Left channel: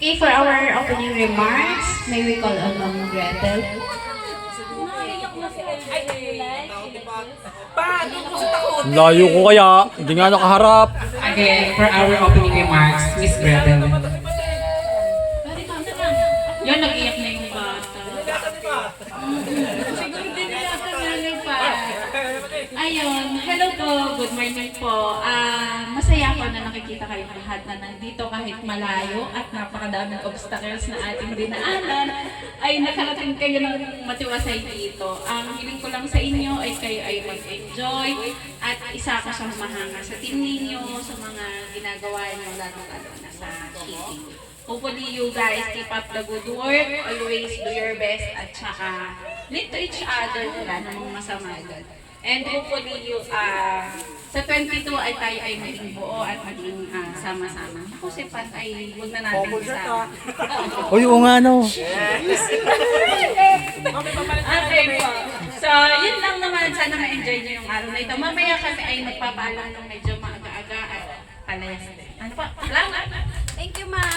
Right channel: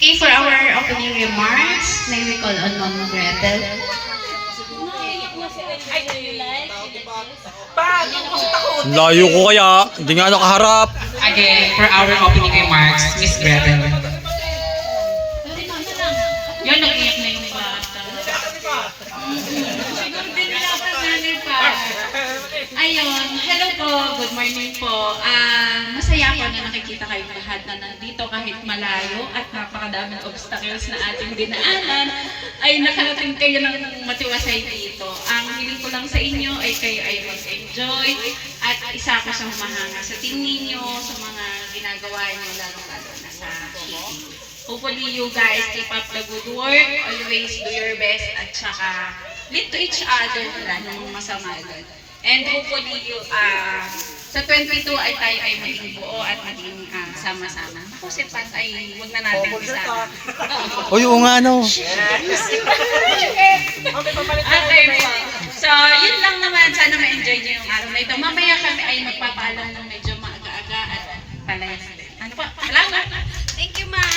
Okay, for our opening remarks, may we call on Ma'am Gretel. Ang layo ko kaya, hindi nga nakaharap. Again, for our opening remarks, Miss Gretel. Yan, nag-iyak na yung bata. Siguro din nila sa nanay pa. Ayun, hello po, good morning po. Masaya ako na nakikita kayong lahat na nandito kahit malayo at napakadaming obstacles na ating dinaanan ay nakarating kayo ng matiwasay dito. Ang hiling ko lang sa inyo ay kayo ay mag-enjoy at isa ka sa humahanga sa team ninyo, sa mga ginagawa niyo lalo-lalo na sa TV. Hopefully you guys keep up the good work, always do your best at saka lead to each other, wala namang masama doon. And hopefully you, sa 22 ay tayo ay maging buo at maging sama-sama. Ako si Pat ay huwag na natin isama. Uy, oo nga no. Okay po. So yun lang naman, sana ma-enjoy nyo yung araw na ito. Mamaya kami ay magpapaalam ng medyo maaga-aga at palayas. Ano po? Salamat! Thank you, ma'am.